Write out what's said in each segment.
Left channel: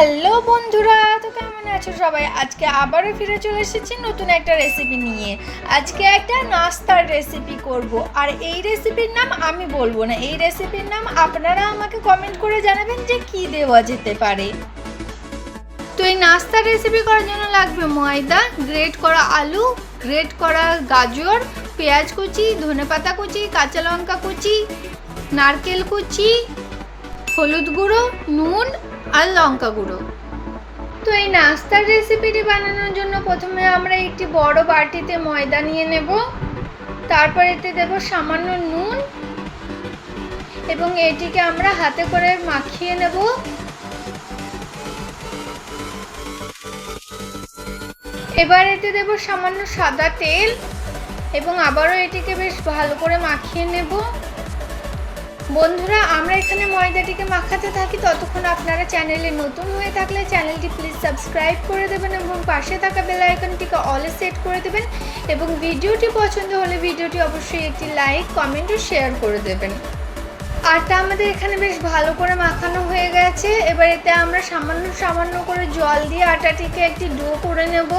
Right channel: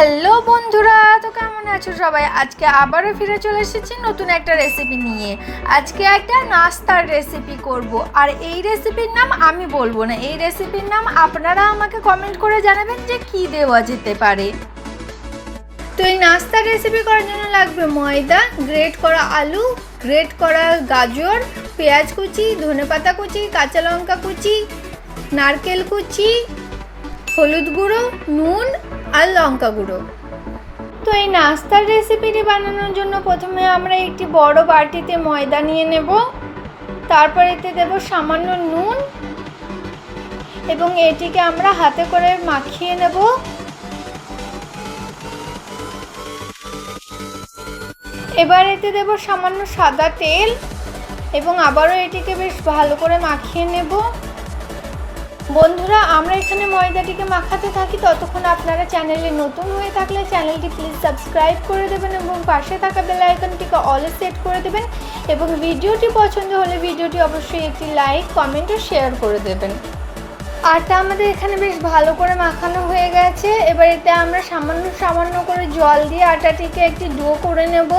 Hello বন্ধুরা, তো কেমন আছো সবাই? আজকে আবারও ফিরে চলে এসেছি নতুন একটা রেসিপি নিয়ে। আজকে একটা নাস্তার রেসিপি করব, আর এই রেসিপির নাম আমি বলবো না, এই রেসিপির নাম আপনারা আমাকে কমেন্ট করে জানাবেন যে কি দেওয়া যেতে পারে। তো এই নাস্তার রেসিপি করার জন্য লাগবে ময়দা, গ্রেট করা আলু, গ্রেট করা গাজর, পেঁয়াজ কুচি, ধনেপাতা কুচি, কাঁচা লঙ্কা কুচি, নারকেল কুচি, হলুদ গুঁড়ো, নুন আর লঙ্কা গুঁড়ো। তো এই নাস্তার রেসিপিটি বানানোর জন্য প্রথমে আমরা একটি বড় বাটিতে ময়দা নিয়ে নেব, তারপর এতে দেব সামান্য নুন এবং এটিকে আমরা হাতে করে মাখিয়ে নেব। এবার এতে দেব সামান্য সাদা তেল এবং আবারও এটিকে বেশ ভালো করে মাখিয়ে নেব। বন্ধুরা, আমরা এখানে ময়দাটিকে মাখাতে থাকি, ততক্ষণ আপনারা চ্যানেলে নতুন হয়ে থাকলে চ্যানেলটি প্লিজ সাবস্ক্রাইব করে দেবেন এবং পাশে থাকা বেল আইকনটিকে অলে সেট করে দেবেন এবং ভিডিওটি পছন্দ হলে ভিডিওটি অবশ্যই একটি লাইক, কমেন্ট ও শেয়ার করে দেবেন। আটা আমাদের এখানে বেশ ভালো করে মাখানো হয়ে গেছে। এবার এতে আমরা সামান্য সামান্য করে জল দিয়ে আটাটিকে একটি ডো করে নেব।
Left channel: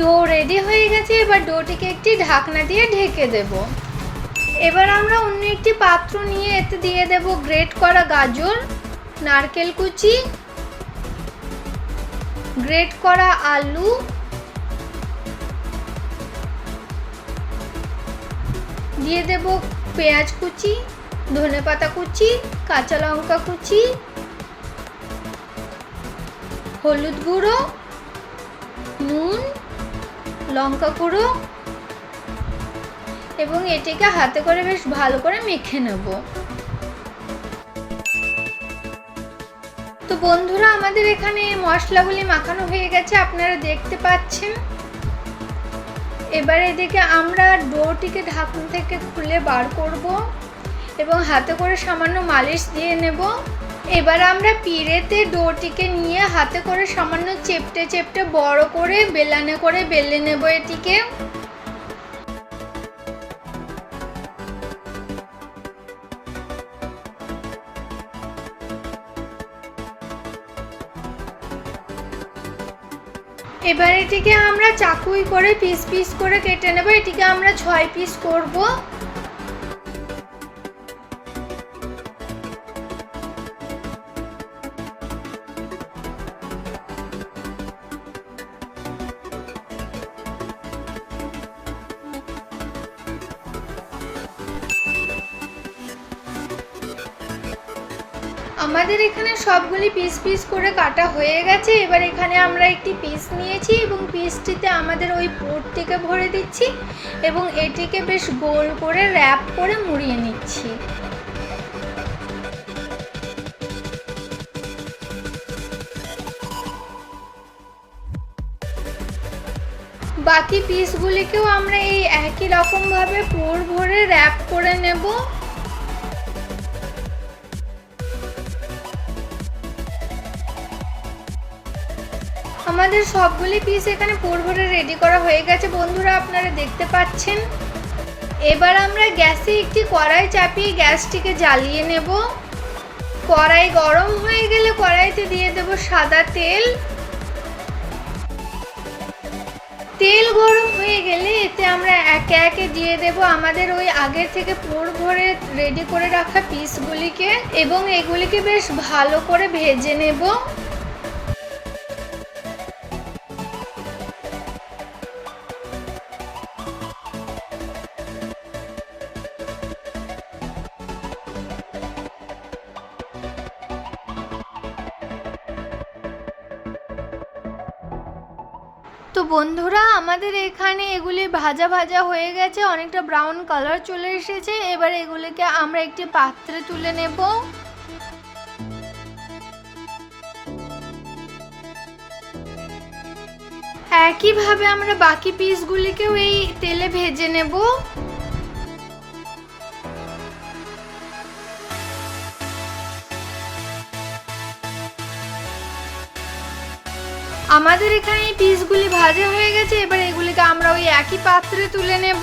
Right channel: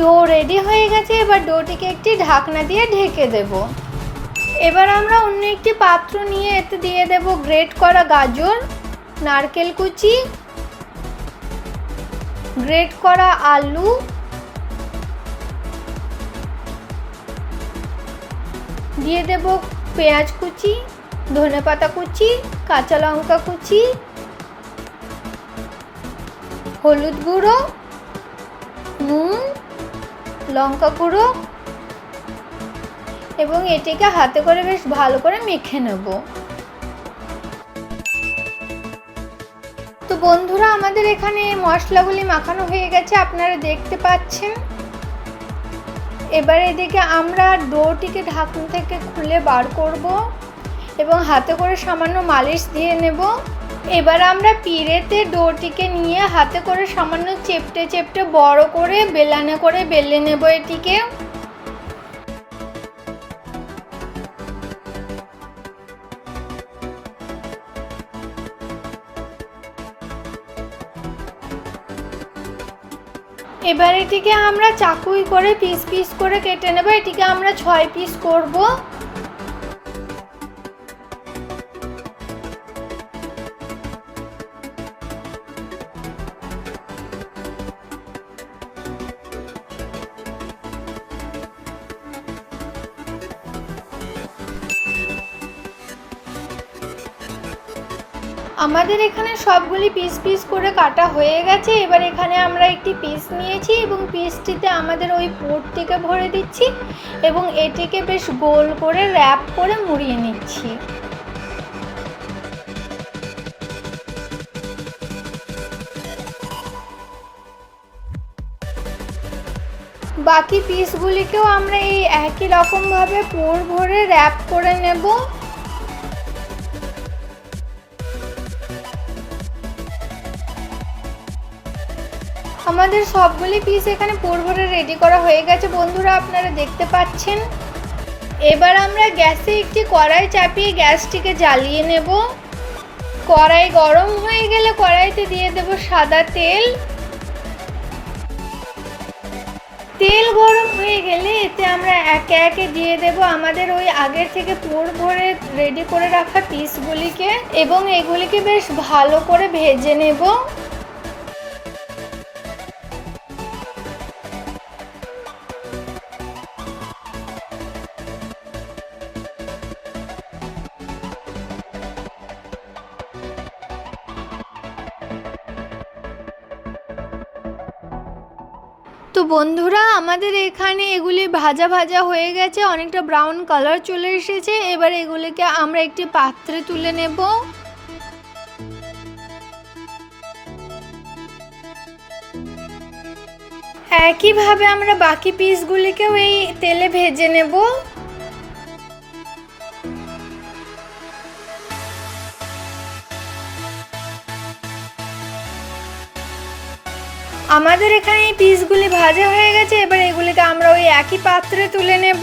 ডো রেডি হয়ে গেছে, এবার ডোটিকে একটি ঢাকনা দিয়ে ঢেকে দেব। এবার আমরা অন্য একটি পাত্র নিয়ে এতে দিয়ে দেব গ্রেট করা গাজর, নারকেল কুচি, গ্রেট করা আলু, দিয়ে দেব পেঁয়াজ কুচি, ধনেপাতা কুচি, কাঁচা লঙ্কা কুচি, হলুদ গুঁড়ো, নুন, লঙ্কা গুঁড়ো এবং এটিকে হাতে করে বেশ ভালো করে মেখে নেব। তো বন্ধুরা, আমাদের এখানে মশলাগুলি মাখানো হয়ে গেছে, আপনারা দেখতে পাচ্ছেন। এবার এদিকে আমরা ডোটিকে ঢাকনা থেকে খুলে বার করব এবং হাতে করে সামান্য মালিশ দিয়ে নেব। এবার আমরা পিঁড়েতে ডোটিকে নিয়ে হাতে করে সামান্য চেপটে চেপটে বড় করে বেলানে করে বেলে নেব এটিকে। এবার এটিকে আমরা চাকুই করে পিস পিস করে কেটে নেব। এটিকে আমরা 6 পিস করব। আমাদের এখানে সবগুলি পিস পিস করে কাটা হয়ে গেছে। এবার এখানে আমরা একটি পিস নিয়েছি এবং পিসটিতে আমাদের ওই পুরটিকে ভরে দিচ্ছি এবং এটিকে বেশ গোল করে র্যাপ করে মুড়িয়ে নিচ্ছি। বাকি পিসগুলিকেও আমরা এই একই রকমভাবে পুর ভরে র্যাপ করে নেব। আমাদের সবগুলি পিস এখানে পুর ভরে রেডি করা হয়ে গেছে বন্ধুরা, আপনারা দেখতে পাচ্ছেন। এবার আমরা গ্যাসে একটি কড়াই চাপিয়ে গ্যাসটিকে জ্বালিয়ে নেব। কড়াই গরম হয়ে গেলে কড়াইতে দিয়ে দেব সাদা তেল। তেল গরম হয়ে গেলে এতে আমরা একে একে দিয়ে দেব আমাদের ওই আগের থেকে পুর ভরে রেডি করে রাখা পিসগুলিকে এবং এগুলিকে বেশ ভালো করে ভেজে নেব। তো বন্ধুরা, আমাদের এখানে এগুলি ভাজা ভাজা হয়ে গেছে, অনেকটা ব্রাউন কালার চলে এসেছে। এবার এগুলিকে আমরা একটি পাত্রে তুলে নেব। একইভাবে আমরা বাকি পিসগুলিকেও এই তেলে ভেজে নেব। আমাদের এখানে এই পিসগুলি ভাজা হয়ে গেছে। এবার এগুলিকে আমরা ওই একই পাত্রে তুলে নেব।